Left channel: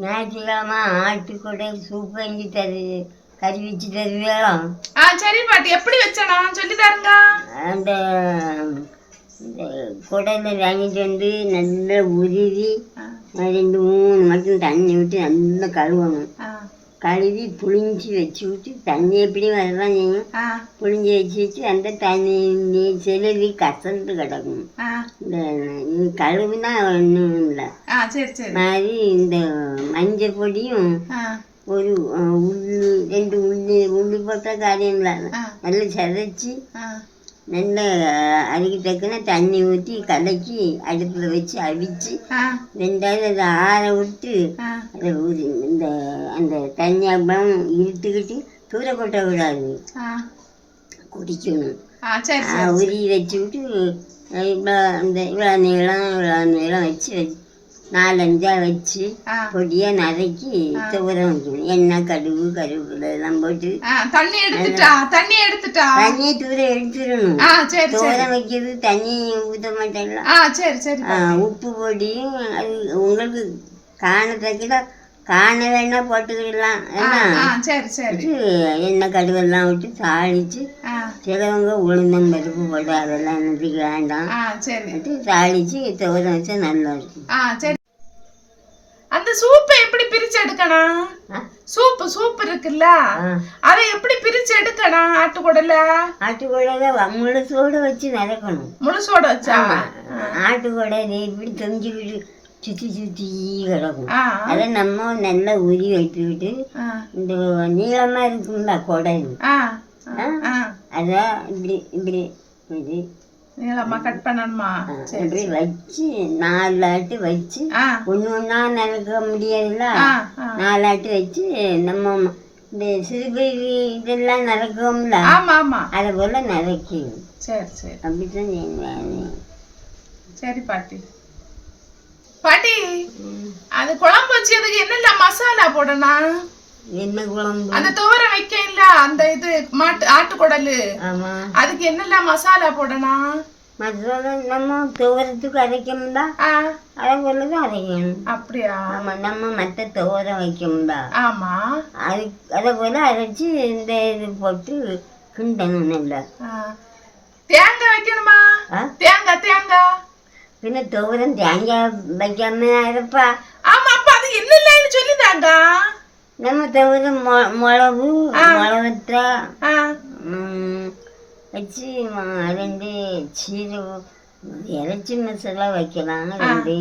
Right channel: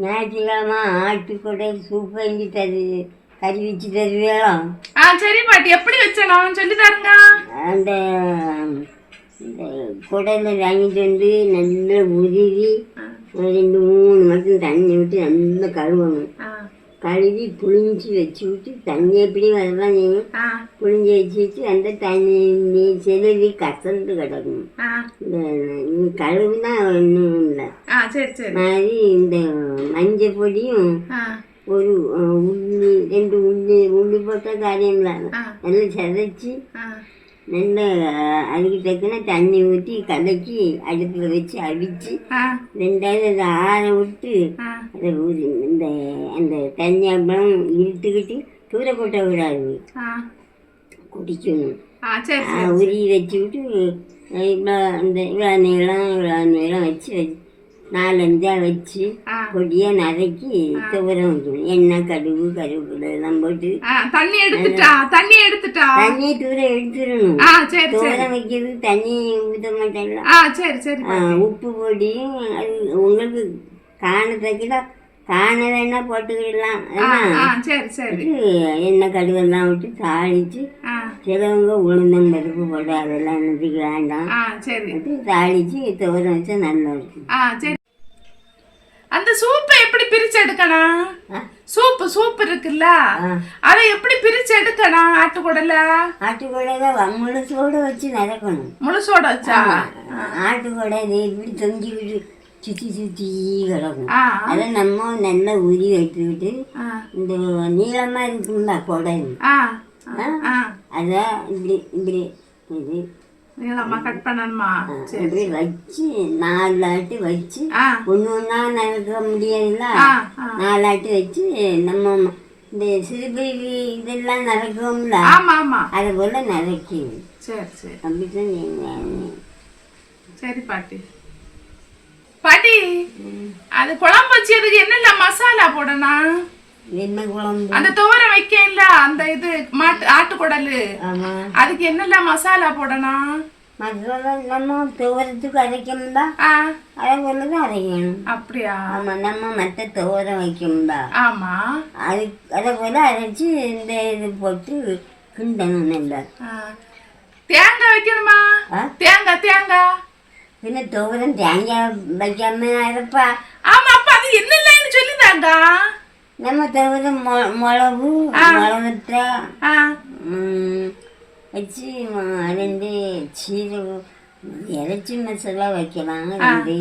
ஞாயிற்றுக்கிழமை ஆட்டுக்கூட சூப் வாங்கி கறி வச்சு தருவியா? சரி பாட்டி, எப்படி வச்சணும் சொல்லி தாருங்க. அந்த குடலை வாங்கிட்டு வந்து நல்லா உருவி 2-3 மட்டும் தண்ணி விட்டு நல்லா கழுவணும். கழுவி புளிஞ்சி வச்சு விட்டு தண்ணி எப்படி வரதான் செய்யும், புளிஞ்சி வச்சு அந்த தண்ணி செலவி கசந்து கிடக்கும். இந்த கழுவுனா ஒன்றும் இல்லை. மாதிரி இந்த மஞ்சள் பொடியும் ஒரு உள்ளி போட்ட காரியம் இல்லை, நல்லா சதைச்சி நல்லா அதுக்கு தக்கன தண்ணி ஊற்றி கலக்கி அடுப்பில் வச்சு அவிச்சு 2வது அதை ஆற விட்டு அதை இந்த அந்த தண்ணி அப்புறம் இழுத்துக்கிட்டு தூர கொட்ட விடாது, குடிக்கணும். உரி வச்சு விட்டு இவ்வளோ நீளம் வச்சு 4-5 வச்சு பொடியாக நறுக்கி துவரம் வைக்கணும். எண்ணெய், கடுகு, கருவேப்பிலை எல்லாம் போட்டு தண்ணியை தூர எடுத்துடணும். துவரம் வைக்கிறது தண்ணி ஊற்ற மாட்டேன்ல. உப்பு பொடியும் அது உங்களுக்கு காண வேணா போட்டுக்கிடலாம். எண்ணெய், கடுவெல்லாம் விட்டு தாளிச்சு, சிலவங்க உளுந்தம்பருப்பு போட்டு அதெல்லாம் என்னத்துக்கு வேண்டாம், தாளிச்சு துவரம் வச்சா நல்லா இருக்கும். அந்த சூப்பை எப்படி பிரிச்சு எடுக்கணும்? சூப் இருக்குல்ல, அதை எப்படி பிரிச்சு எடுக்கணும்? ஆட்டுக்குடல முழுசோட வச்சு நடக்கணும். முழுசோட வச்சா ஆட்டுக்குடலை இப்படி தொங்கிக்கிட்டு சுற்றி கிடக்கும். அதை நம்ம நல்லா உரி வைத்துக்கிட்டு இந்த நீளமாக இருக்குங்களா குடல், அதை இப்படி இது நீளமா கட் பண்ணணுமா? இப்படி வச்சு 4 ஆட்டு வச்சு ஒண்ணா நடக்க முடியாதுல்ல, 4 ஆட்டு வச்சு நம்ம இந்த சிறுபேரி இதெல்லாம் நடக்கும்ல, அதை போல நடக்கி. அப்படித்தான். சரி பாட்டி. அது குழம்பு வச்சதுக்கு என்னென்ன மசாலா போடணும்? என்ன குழம்பு? அந்த துவரம் வைக்க இல்ல, அந்த இது ஆட்டுக்குடலு, அதுக்கு என்னெல்லாம் மசாலா போடணும்? மசாலா நம்ம துவரத்துக்கு அரைக்கணும்டா, அதை போலதான் அரைக்கணும். அப்படியா? ஆமா, நம்ம மற்ற துவரம் வைக்கணும்டா. ஆமா, அதை போல அரைச்சு இந்த இது போட்டு கிண்டணும். நல்லா தேங்காய் வைக்கணுமா? தேங்காய் பின்ன துவரம் தேங்காய் வைக்காம அரைப்பா. ஆமா, அப்ப அது என்னெல்லாம் சொல்லிதாங்க. நம்ம தவிர மிளகு, மிளகத்தை வச்சு 2 சீரகம், இறைச்சி மசாலா வைக்கலாம் 2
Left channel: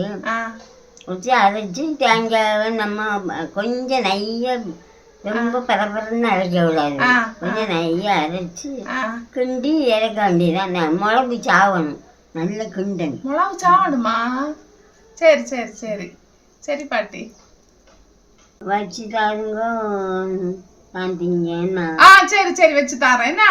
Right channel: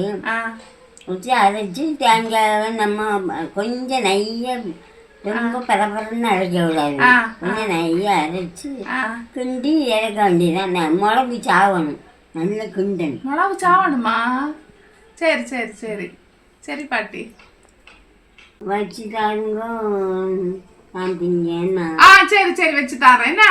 வச்சு அரைச்சி தேங்காவை நம்ம கொஞ்சம் நெய்ய ரொம்ப பரபரன்னு அரைக்க விடாது, கொஞ்சம் நெய்ய அரைச்சி கிண்டி இறக்க வேண்டியதான். மிளகு சாவணும், நல்ல கிண்டணும். மிளகு சாவணுமா? சரி சரி சரி சரி பாட்டி, வச்சு தாருங்க. நான் திங்க. சரி சரி வச்சு தாரேன்.